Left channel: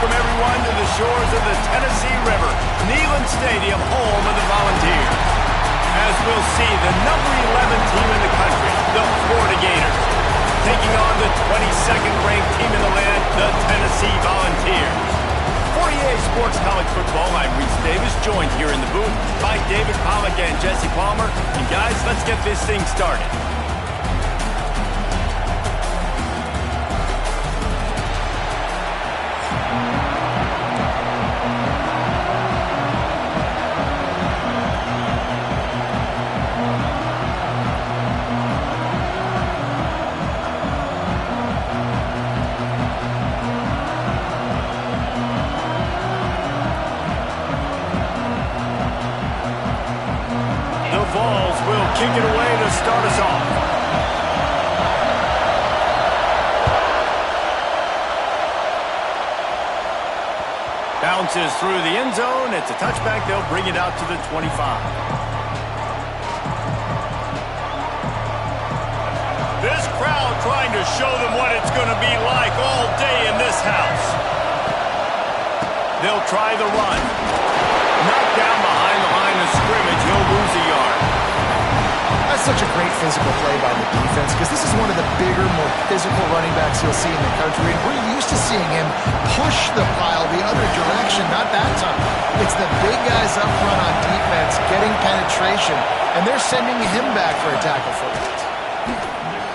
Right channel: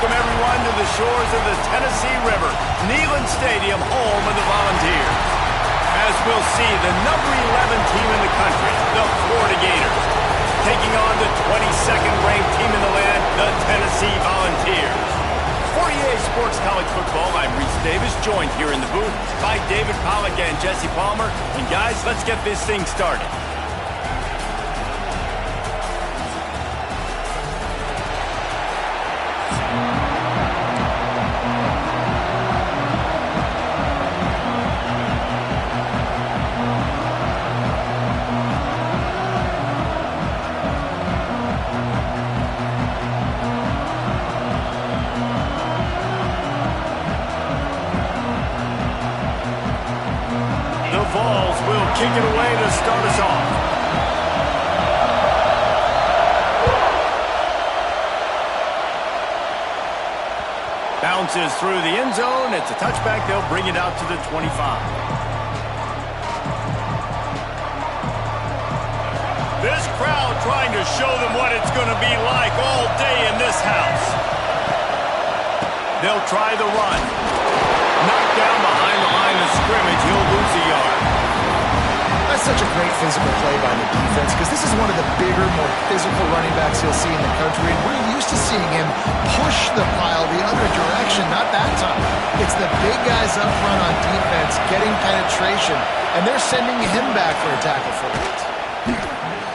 welcome everyone to the shores of the Tennessee River, Neyland Stadium, home of the Volunteers. As we'll see, the number 11 team in the country, the Florida Gators, taking on the 22nd ranked team in the land, the Tennessee Volunteers. For EA Sports College Football, I'm Reese Davis, joined here in the booth by David Pollack and Jesse Palmer. And guys, let's get this thing started. Vols will kick it away to start us off. Bounces through the end zone. It's a touchback. They'll bring it out to the 25. This crowd trying to show them what it's going to be like all day in this house. They'll try the run. Knocked down behind the line of scrimmage. He'll lose a yard. That's such a great physical play by the defense because this is one of the bigger, more physical running backs you'll see in the country, and we're used to seeing him push the pile the other direction. Not that time. It's the big guys up front on defense getting penetration, and they're sending him back for a tackle for it.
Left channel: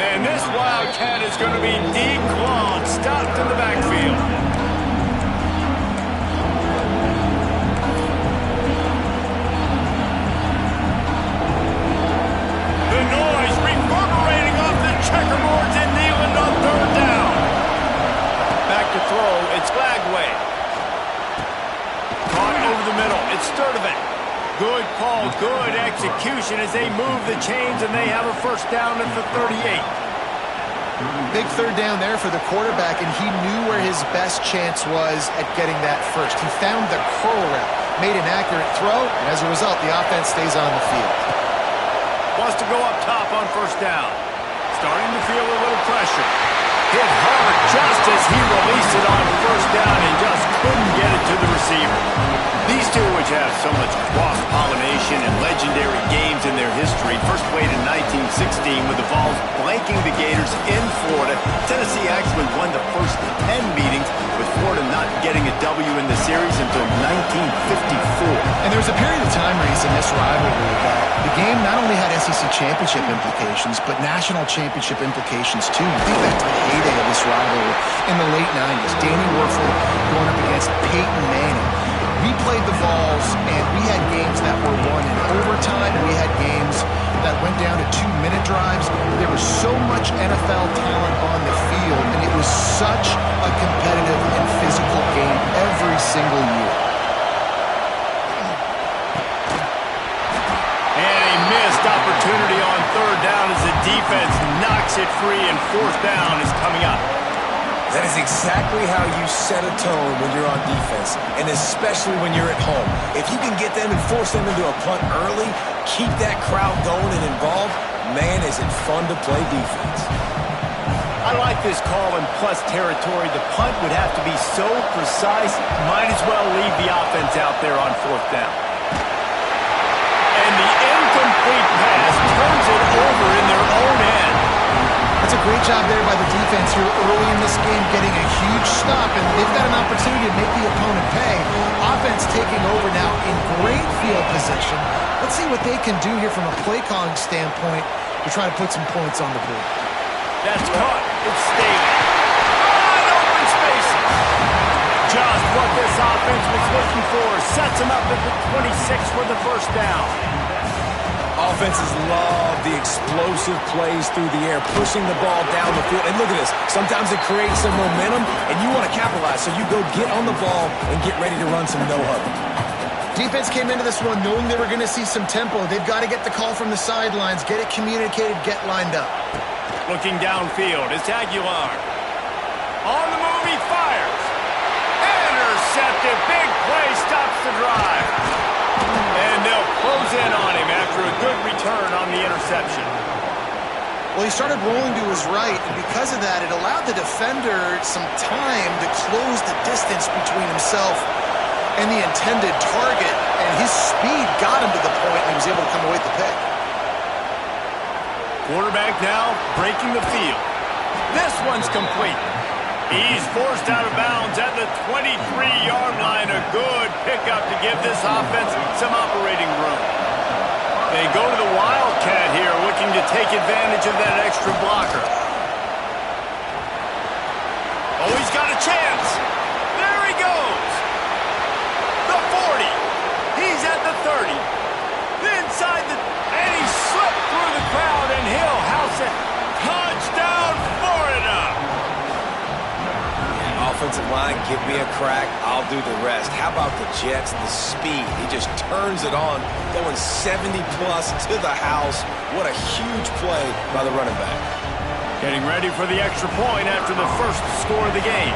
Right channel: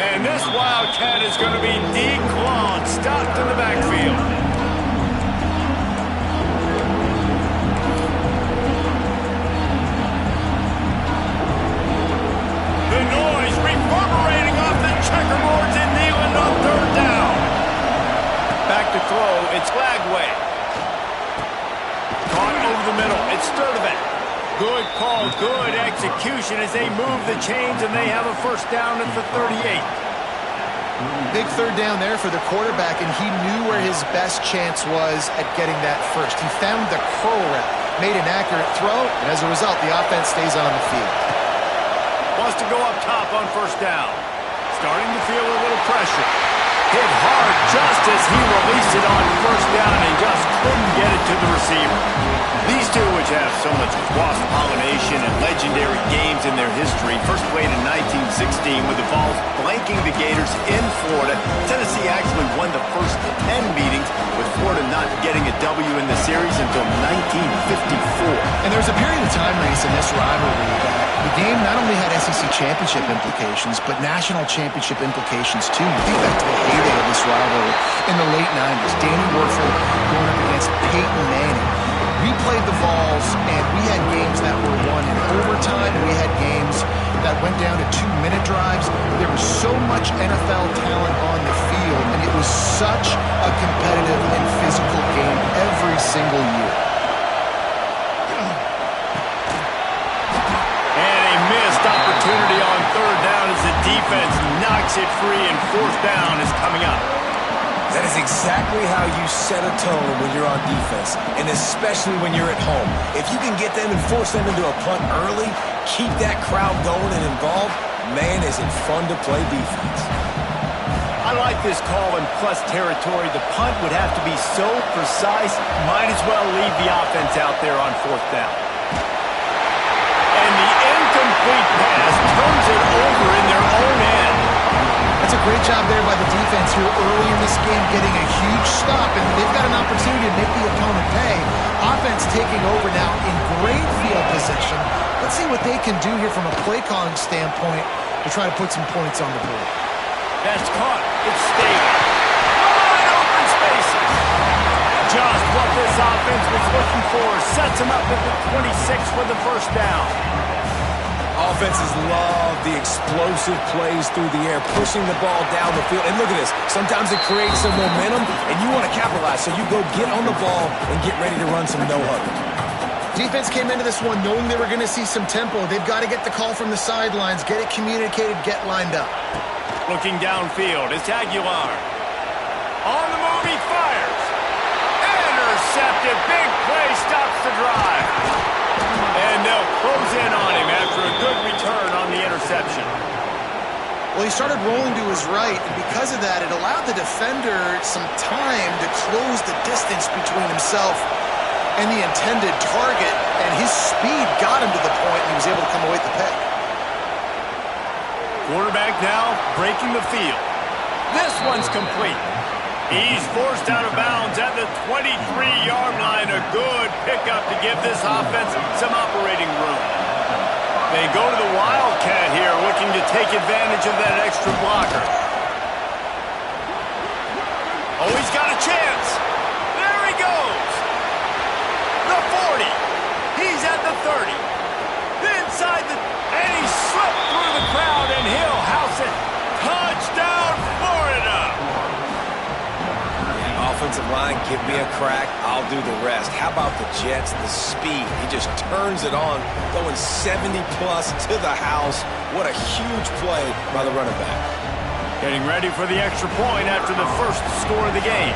And this Wildcat is going to be declawed, stopped in the backfield. The noise reverberating off the checkerboards in Neyland on third down. Back to throw, it's Lagway. Caught over the middle, it's Sturdivant. Good call, good execution as they move the chains and they have a first down at the 38. Big third down there for the quarterback, and he knew where his best chance was at getting that first. He found the curl route, made an accurate throw, and as a result, the offense stays on the field. Wants to go up top on first down. Starting to feel a little pressure. Hit hard just as he released it on first down and just couldn't get it to the receiver. These two, which have so much cross-pollination and legendary games in their history, first played in 1916 with the Vols blanking the Gators in Florida. Tennessee actually won the first 10 meetings, with Florida not getting a W in the series until 1954. And there was a period of time, Reese, in this rivalry that the game not only had SEC championship implications, but national championship implications too. You think back to the heyday of this rivalry in the late 90s. Danny Werfel going up against Peyton Manning. We played the Vols, and we had games that were won in overtime. We had games that went down to 2-minute drives. There was so much NFL talent on the field, and it was such a competitive and physical game every single year. And a missed opportunity on third down as the defense knocks it free, and fourth down is coming up. That is exactly how you set a tone when you're on defense, and especially when you're at home. If you can get them and force them into a punt early, keep that crowd going and involved, man, is it fun to play defense. I like this call in plus territory. The punt would have to be so precise, might as well leave the offense out there on fourth down. And the incomplete pass turns it over in their own end. That's a great job there by the defense here early in this game, getting a huge stop, and they've got an opportunity to make the opponent pay. Offense taking over now in great field position. Let's see what they can do here from a play calling standpoint to try to put some points on the board. That's caught. It's Staley. Wide open spaces. Just what this offense was looking for. Sets them up at the 26 for the first down. Offenses love the explosive plays through the air, pushing the ball down the field. And look at this. Sometimes it creates some momentum, and you want to capitalize. So you go get on the ball and get ready to run some no-huddle. Defense came into this one knowing they were going to see some tempo. They've got to get the call from the sidelines, get it communicated, get lined up. Looking downfield, it's Aguilar. On the move, he fires. Intercepted. Big play stops the drive. And they'll close in on him after a good return on the interception. Well, he started rolling to his right, and because of that, it allowed the defender some time to close the distance between himself and the intended target, and his speed got him to the point, and he was able to come away with the pick. Quarterback now breaking the field. This one's complete. He's forced out of bounds at the 23-yard line. A good pickup to give this offense some operating room. They go to the Wildcat here, looking to take advantage of that extra blocker. Oh, he's got a chance. There he goes. The 40. He's at the 30. Inside the... And he slipped through the crowd, and he'll house it. Touchdown, Florida! Offensive line, give me a crack, I'll do the rest. How about the Jets, the speed? He just turns it on, going 70-plus to the house. What a huge play by the running back. Getting ready for the extra point after the first score of the game.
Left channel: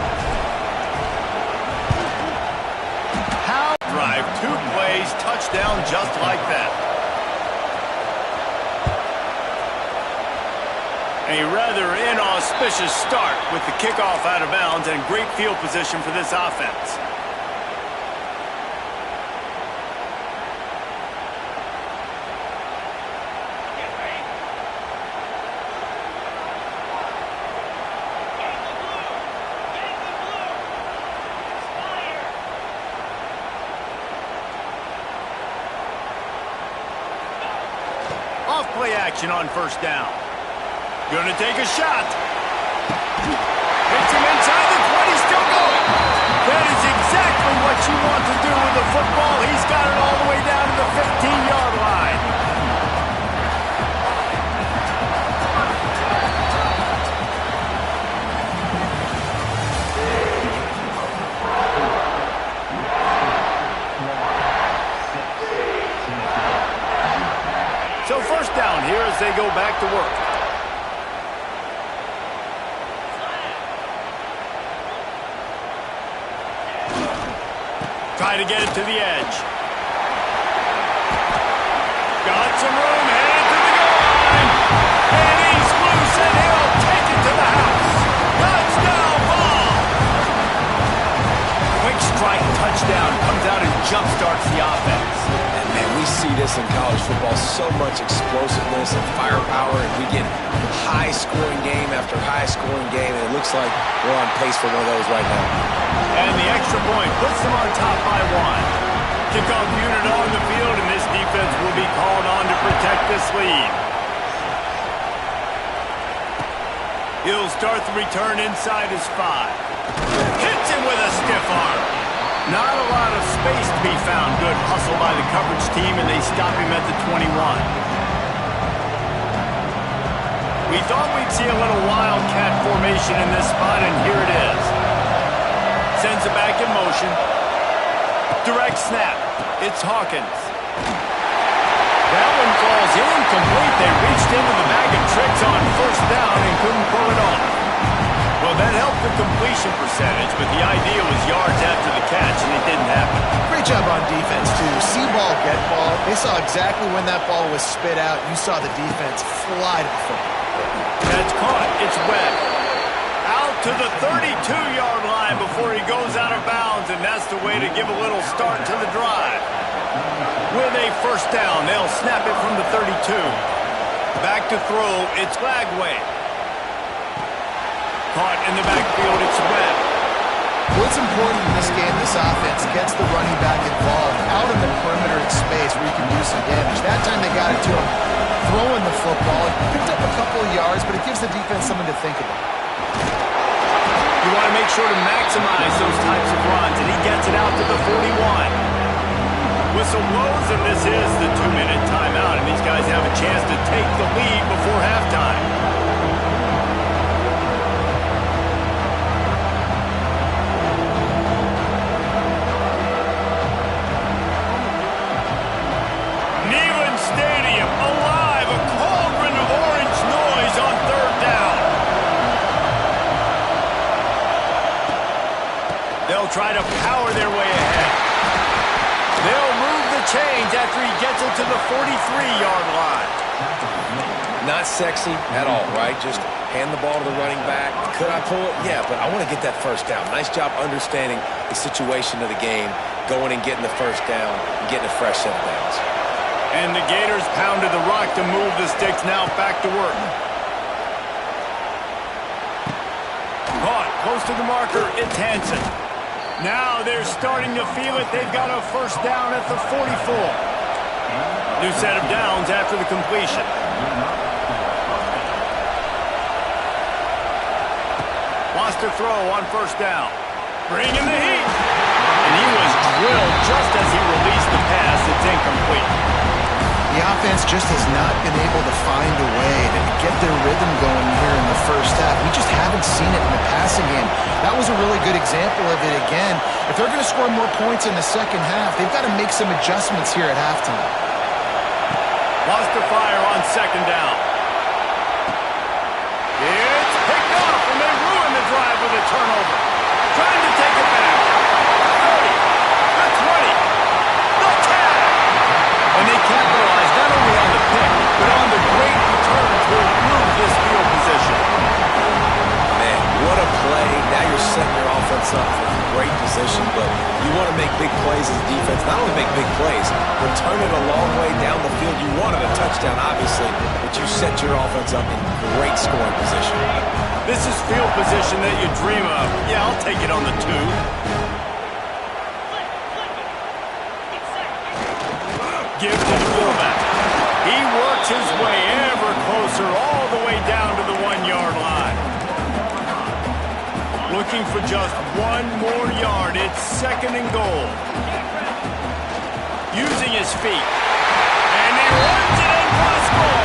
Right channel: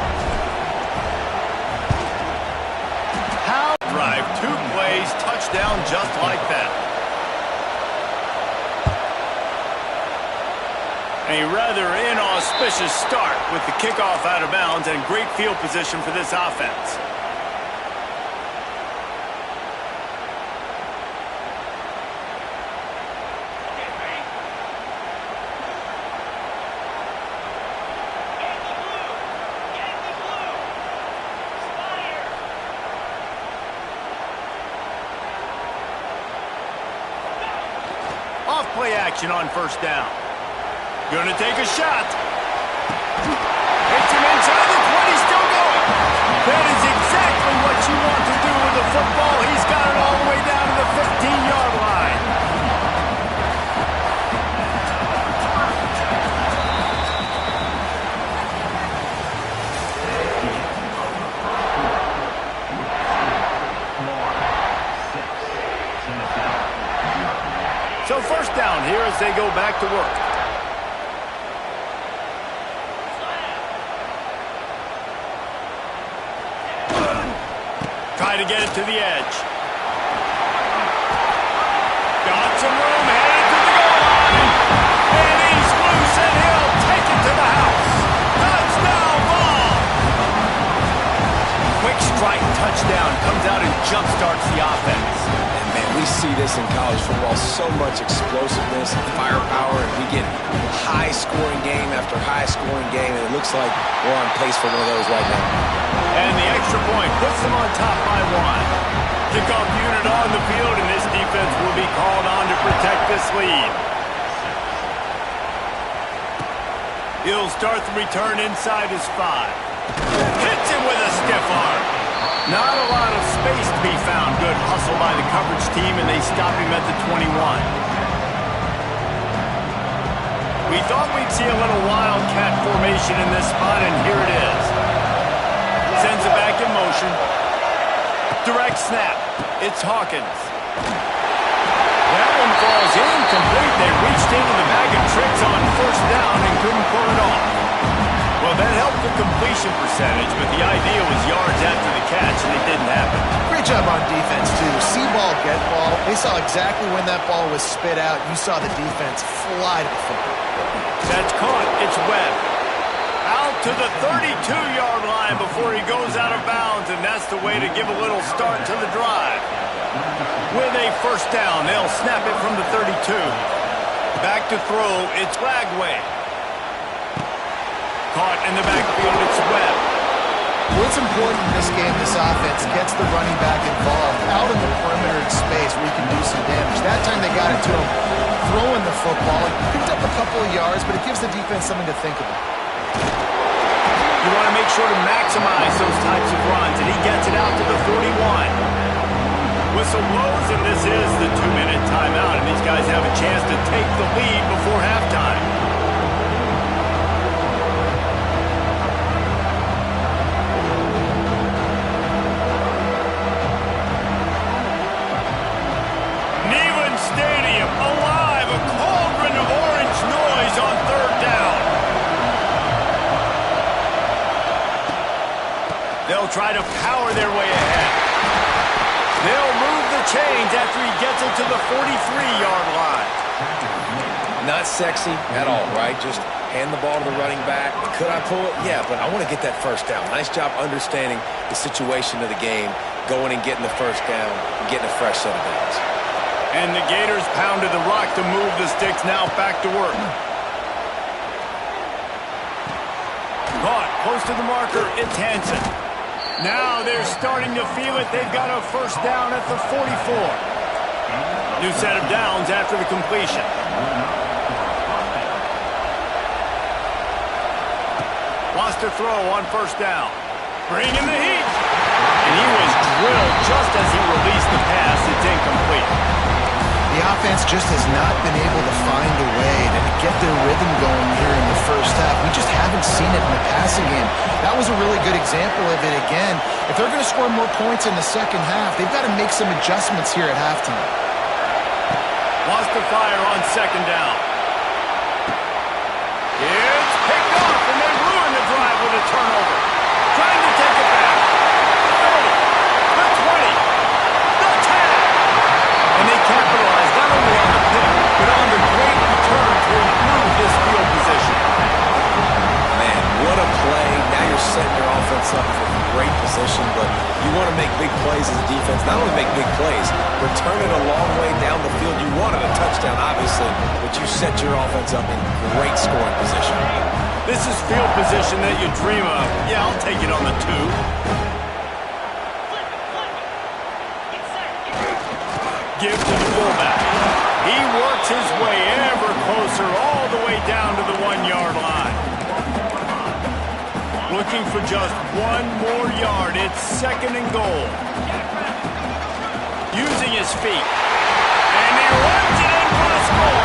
How drive 2 plays, touchdown just like that. A rather inauspicious start with the kickoff out of bounds and great field position for this offense. Okay, ready? Yankee blue! Yankee blue! Spire! Go! Off play action on first down. Gonna take a shot. Hits him inside the 20, still going. That is exactly what you want to do with the football. He's got it all the way down to the 15-yard line. So first down here as they go back to work. Try to get it to the edge. Got some room, headed to the goal line. And he's loose, and he'll take it to the house. Touchdown ball. Quick strike touchdown comes out and jumpstarts the offense. And, man, we see this in college football, so much explosiveness and firepower, and we get high-scoring game after high-scoring game, and it looks like we're on pace for one of those right now. And the extra point puts them on top by 1. Kickoff unit on the field, and this defense will be called on to protect this lead. He'll start the return inside his 5. Hits him with a stiff arm. Not a lot of space to be found. Good hustle by the coverage team, and they stop him at the 21. We thought we'd see a little Wildcat formation in this spot, and here it is. Sends it back in motion. Direct snap. It's Hawkins. That one falls incomplete. They reached into the bag of tricks on first down and couldn't pull it off. Well, that helped the completion percentage, but the idea was yards after the catch, and it didn't happen. Great job on defense, too. See ball, get ball. They saw exactly when that ball was spit out. You saw the defense fly to the football. That's caught. It's Webb. Out to the 32-yard line before he goes out of bounds, and that's the way to give a little start to the drive. With a first down, they'll snap it from the 32. Back to throw, it's Lagway. Caught in the backfield, it's Webb. What's important in this game, this offense gets the running back involved out in the perimeter in space where he can do some damage. That time they got it to him throwing the football. He picked up a couple of yards, but it gives the defense something to think about. You want to make sure to maximize those types of runs, and he gets it out to the 41. Whistle blows, and this is the 2-minute timeout, and these guys have a chance to take the lead before halftime. Neyland Stadium, alive, a cauldron of orange noise on third down. They'll try to power their way ahead. They'll move the chains after he gets it to the 43-yard line. Not sexy at all, right? Just hand the ball to the running back. Could I pull it? Yeah, but I want to get that first down. Nice job understanding the situation of the game, going and getting the first down, and getting a fresh set of downs. And the Gators pounded the rock to move the sticks. Now back to work. Caught close to the marker. It's Hansen. Now they're starting to feel it. They've got a first down at the 44. New set of downs after the completion. Wants to throw on first down. Bring in the heat. And he was drilled just as he released the pass. It's incomplete. The offense just has not been able to find a way to get their rhythm going here in the first half. We just haven't seen it in the passing game. That was a really good example of it again. If they're going to score more points in the second half, they've got to make some adjustments here at halftime. Wants to fire on second down. It's picked off, and they ruin the drive with a turnover. Trying to take it back. The 30, the 20, the tag. And they capitalize not only on the pick, but on the great return to improve this field position. Man, what a play. Now you're setting your offense up for great position, but you want to make big plays as a defense. Not only make big plays, return it a long way down the field. You wanted a touchdown, obviously, but you set your offense up in great scoring position. This is field position that you dream of. Yeah, I'll take it on the 2. Flip it, flip it. Get set, get set. Give to the fullback. He works his way ever closer all the way down to the 1-yard line. Looking for just one more yard. It's second and goal. Using his feet. And he runs it in for the score.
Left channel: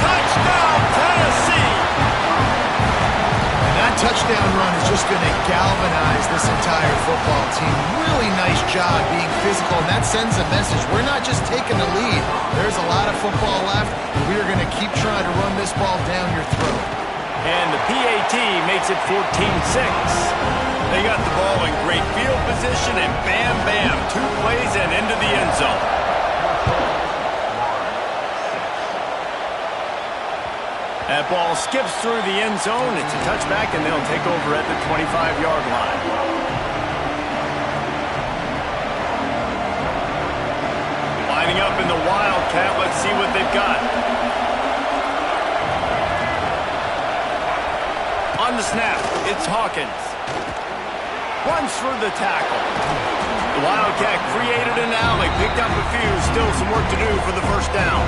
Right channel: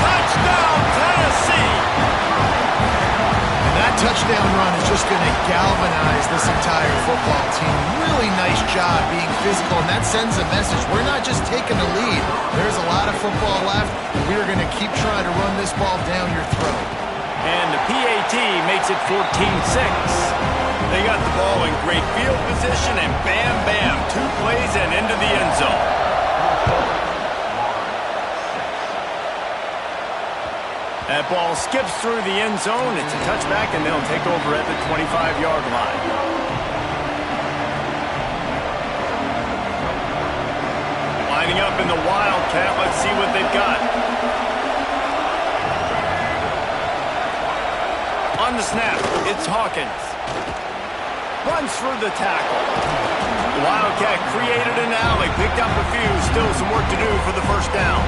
Touchdown, Tennessee. And that touchdown run is just going to galvanize this entire football team. Really nice job being physical, and that sends a message. We're not just taking the lead. There's a lot of football left, and we are going to keep trying to run this ball down your throat. And the PAT makes it 14-6. They got the ball in great field position, and bam, bam, 2 plays and into the end zone. That ball skips through the end zone. It's a touchback, and they'll take over at the 25-yard line. Lining up in the Wildcat. Let's see what they've got. On the snap, it's Hawkins. Runs through the tackle. The Wildcat created an alley, picked up a few. Still some work to do for the first down.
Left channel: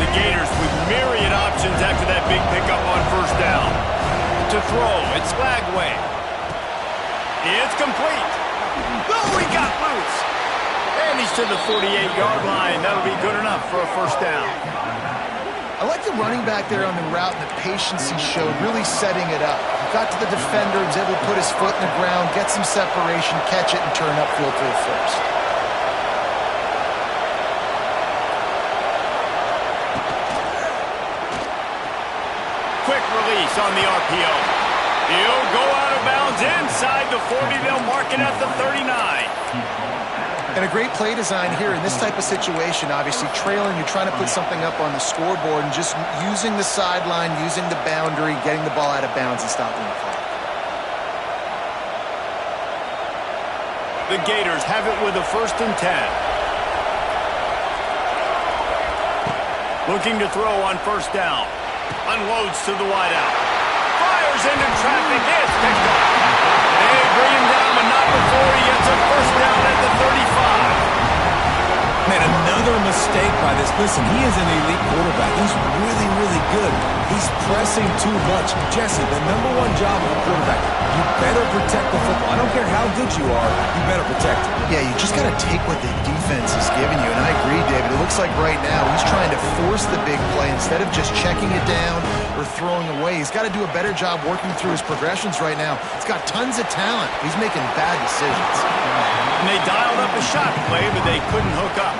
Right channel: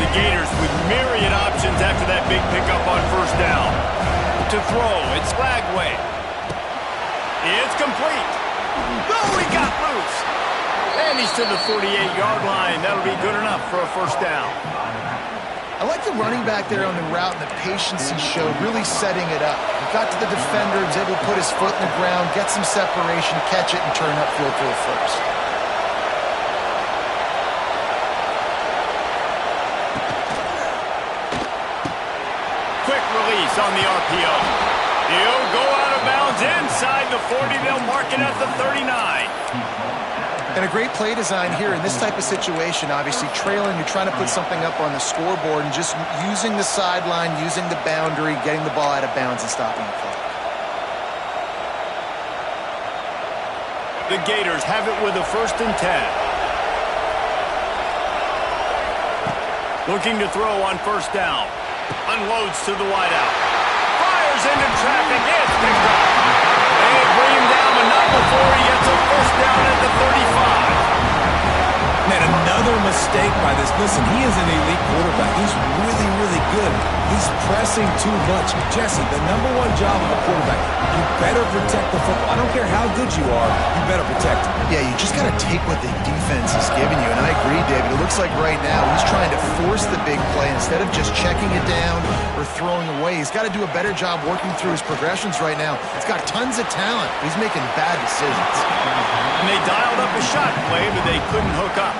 The Gators with myriad options after that big pickup on first down. To throw, it's Flagway. It's complete. Oh, he got loose. And he's to the 48-yard line. That'll be good enough for a first down. I like the running back there on the route and the patience he showed, really setting it up. He got to the defender, was able to put his foot in the ground, get some separation, catch it, and turn upfield for the first. Quick release on the RPO. He'll go out of bounds inside the 40. They'll mark it at the 39. And a great play design here in this type of situation. Obviously, trailing, you're trying to put something up on the scoreboard and just using the sideline, using the boundary, getting the ball out of bounds and stopping the clock. The Gators have it with a 1st and 10. Looking to throw on first down. Unloads to the wideout. Fires into traffic. It's picked off. They bring him down, but not before he gets a first down at the 35. Man, another mistake by this. Listen, he is an elite quarterback. He's really, really good. He's pressing too much. Jesse, the #1 job of a quarterback, you better protect the football. I don't care how good you are, you better protect it. Yeah, you just got to take what the defense is giving you. And I agree, David. It looks like right now he's trying to force the big play instead of just checking it down or throwing away. He's got to do a better job working through his progressions right now. He's got tons of talent. He's making bad decisions. And they dialed up a shot play, but they couldn't hook up.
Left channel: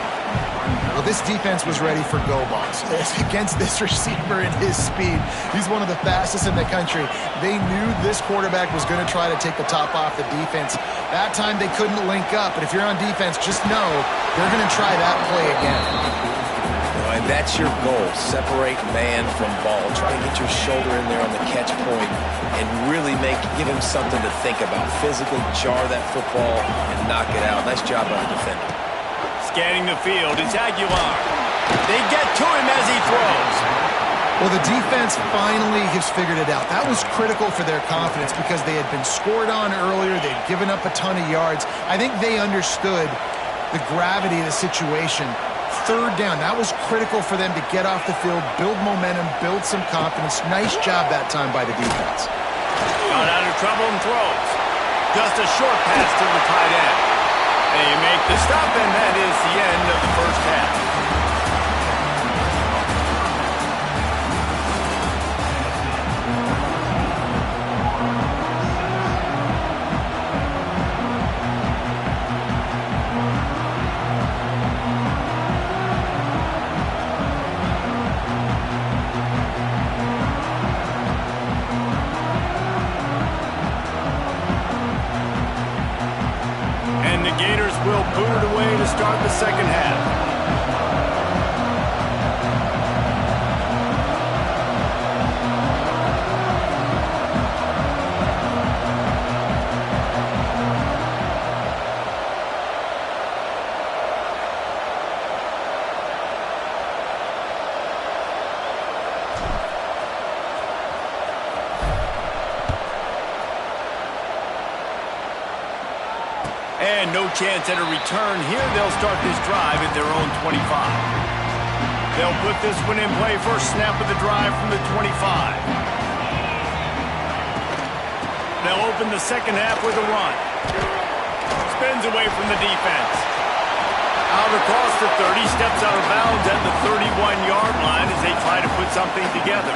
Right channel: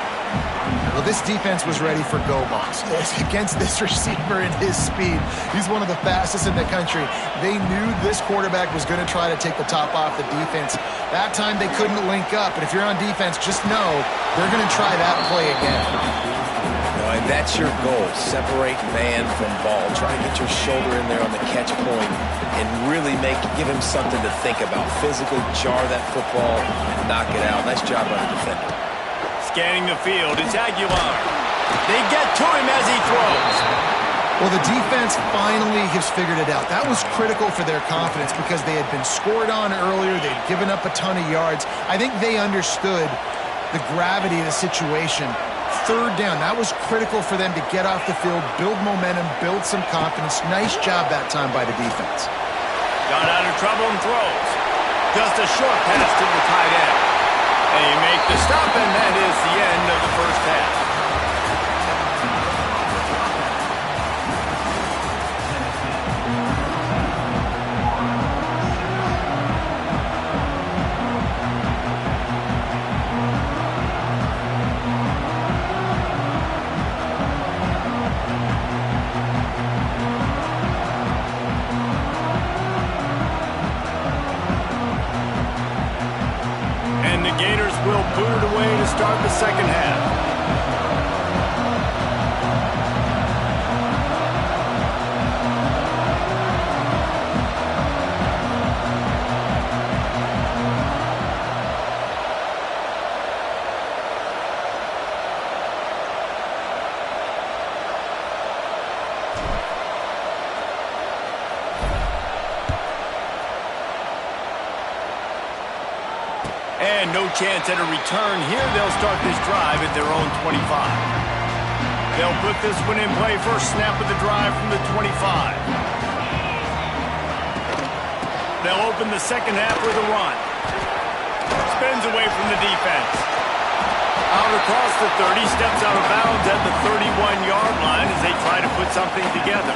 Well, this defense was ready for go balls. Against this receiver and his speed, he's one of the fastest in the country. They knew this quarterback was going to try to take the top off the defense. That time they couldn't link up, but if you're on defense, just know they're going to try that play again. And that's your goal. Separate man from ball. Try to get your shoulder in there on the catch point and really give him something to think about. Physically jar that football and knock it out. Nice job by the defender. Scanning the field, it's Aguilar. They get to him as he throws. Well, the defense finally has figured it out. That was critical for their confidence because they had been scored on earlier. They'd given up a ton of yards. I think they understood the gravity of the situation. Third down, that was critical for them to get off the field, build momentum, build some confidence. Nice job that time by the defense. Got out of trouble and throws. Just a short pass to the tight end. They make the stop, and that is the end of the first half. Gators will boot it away to start the second half. And no chance at a return here. They'll start this drive at their own 25. They'll put this one in play. First snap of the drive from the 25. They'll open the second half with a run. Spins away from the defense. Out across the 30, steps out of bounds at the 31-yard line as they try to put something together.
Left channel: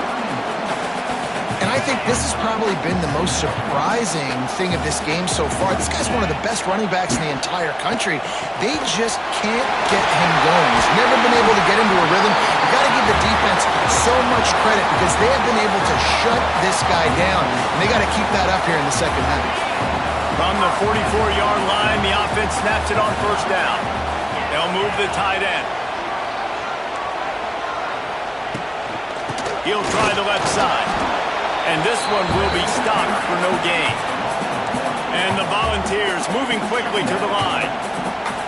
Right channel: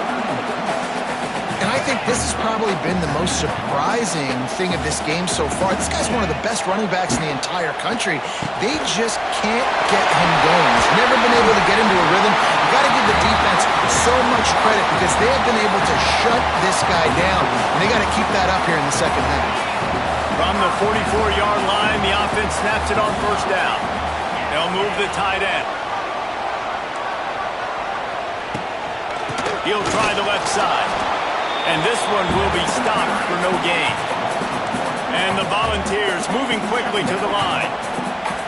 And I think this has probably been the most surprising thing of this game so far. This guy's one of the best running backs in the entire country. They just can't get him going. He's never been able to get into a rhythm. You got to give the defense so much credit because they have been able to shut this guy down. And they got to keep that up here in the second half. From the 44-yard line, the offense snaps it on first down. They'll move the tight end. He'll try the left side. And this one will be stopped for no gain. And the Volunteers moving quickly to the line.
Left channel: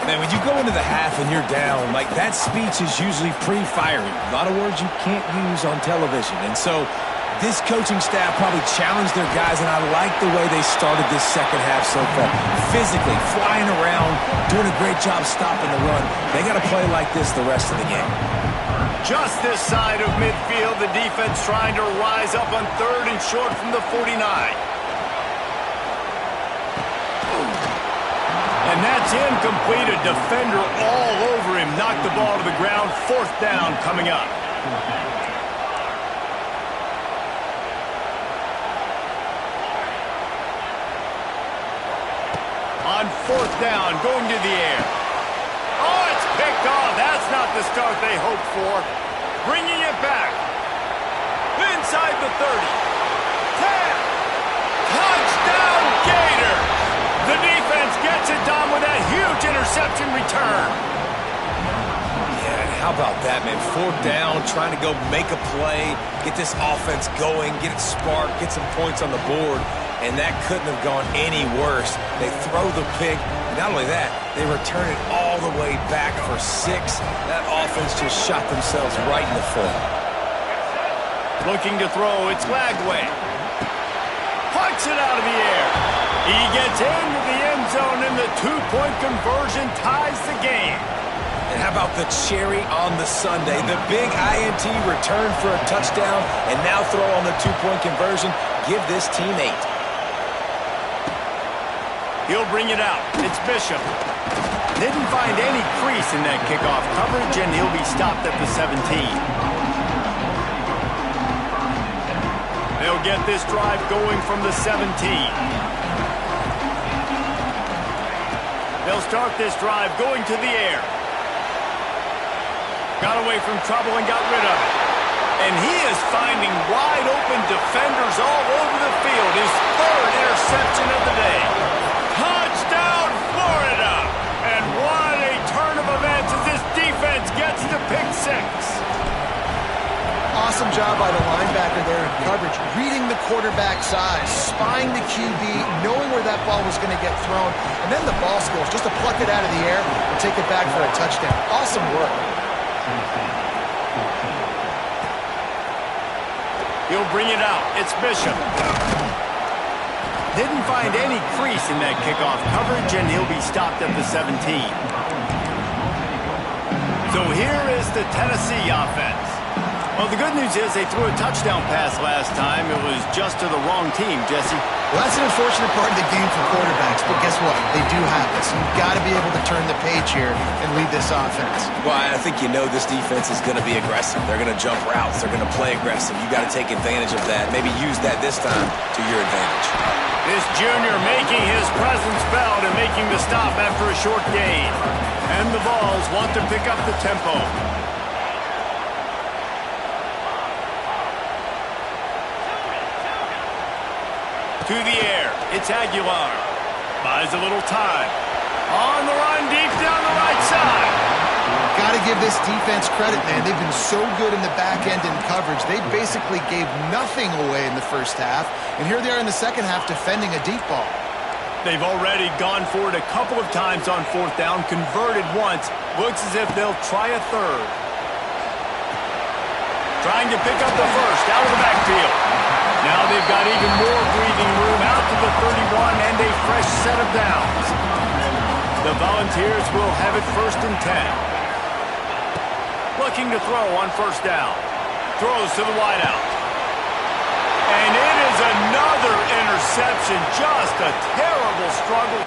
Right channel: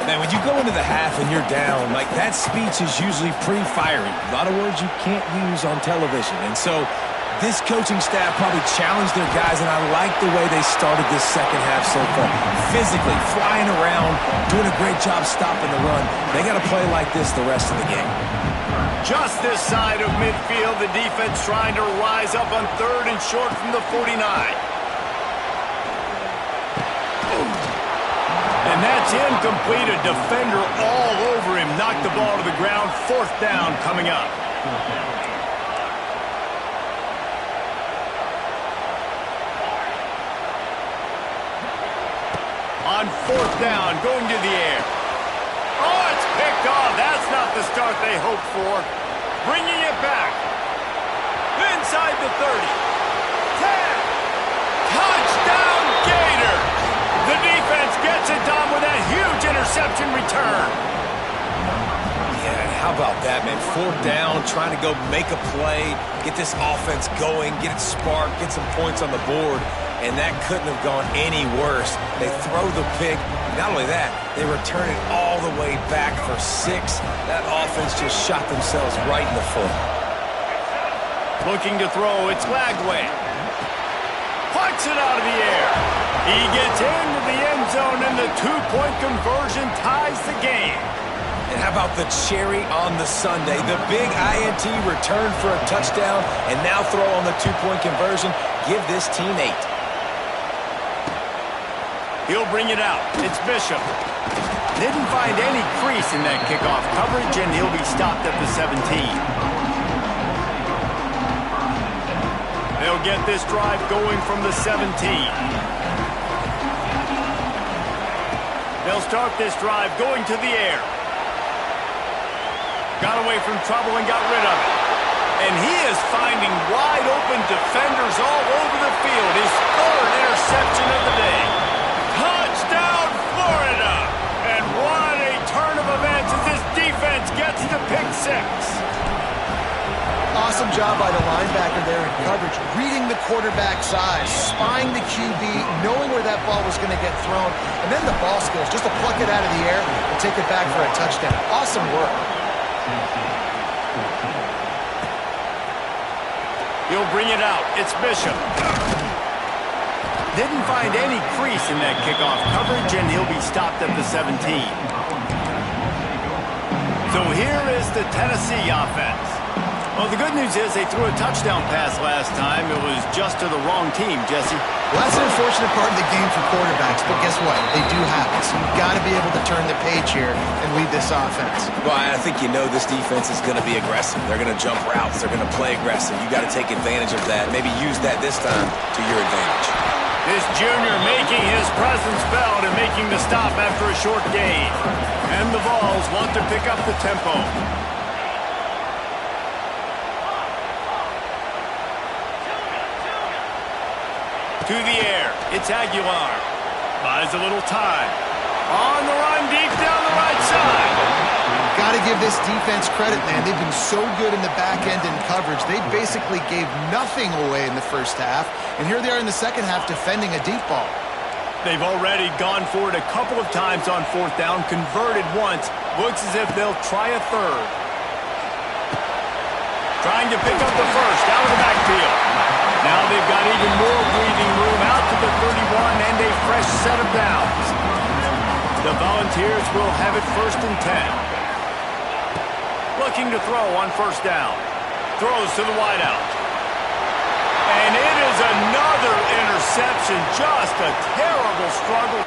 Man, when you go into the half and you're down, like that speech is usually pretty fiery. A lot of words you can't use on television. And so this coaching staff probably challenged their guys, and I like the way they started this second half so far. Physically, flying around, doing a great job stopping the run. They got to play like this the rest of the game. Just this side of midfield, the defense trying to rise up on third and short from the 49. And that's incomplete. A defender all over him. Knocked the ball to the ground. Fourth down coming up. On fourth down, going to the air. Oh, it's picked off. That's not the start they hoped for. Bringing it back. Inside the 30. 10. Touchdown, Gators. The defense gets it done with that huge interception return. Yeah, and how about that, man? Fourth down, trying to go make a play, get this offense going, get it sparked, get some points on the board. And that couldn't have gone any worse. They throw the pick. Not only that, they return it all the way back for 6. That offense just shot themselves right in the foot. Looking to throw, it's Lagway. Puts it out of the air. He gets into the end zone, and the two-point conversion ties the game. And how about the cherry on the sundae? The big INT return for a touchdown, and now throw on the two-point conversion. Give this team 8. He'll bring it out. It's Bishop. Didn't find any crease in that kickoff coverage, and he'll be stopped at the 17. They'll get this drive going from the 17. They'll start this drive going to the air. Got away from trouble and got rid of it. And he is finding wide-open defenders all over the field. His third interception of the day. Touchdown, Florida! And what a turn of events as this defense gets to pick 6. Awesome job by the linebacker there in coverage, reading the quarterback size, spying the QB, knowing where that ball was going to get thrown, and then the ball skills, just to pluck it out of the air and take it back for a touchdown. Awesome work. He'll bring it out. It's Bishop. Didn't find any crease in that kickoff coverage, and he'll be stopped at the 17. So here is the Tennessee offense. Well, the good news is they threw a touchdown pass last time. It was just to the wrong team, Jesse. Well, that's an unfortunate part of the game for quarterbacks, but guess what? They do have it. So you've got to be able to turn the page here and lead this offense. Well, I think you know this defense is going to be aggressive. They're going to jump routes. They're going to play aggressive. You got to take advantage of that. Maybe use that this time to your advantage. This junior making his presence felt and making the stop after a short gain. And the Vols want to pick up the tempo. To the air, it's Aguilar. Buys a little time. On the run, deep down the right side. Got to give this defense credit, man. They've been so good in the back end in coverage. They basically gave nothing away in the first half, and here they are in the second half defending a deep ball. They've already gone for it a couple of times on 4th down, converted once. Looks as if they'll try a third. Trying to pick up the first out of the backfield. Now they've got even more breathing room out to the 31 and a fresh set of downs. The Volunteers will have it 1st and 10. Looking to throw on 1st down. Throws to the wideout. And it is another interception. Just a terrible struggle.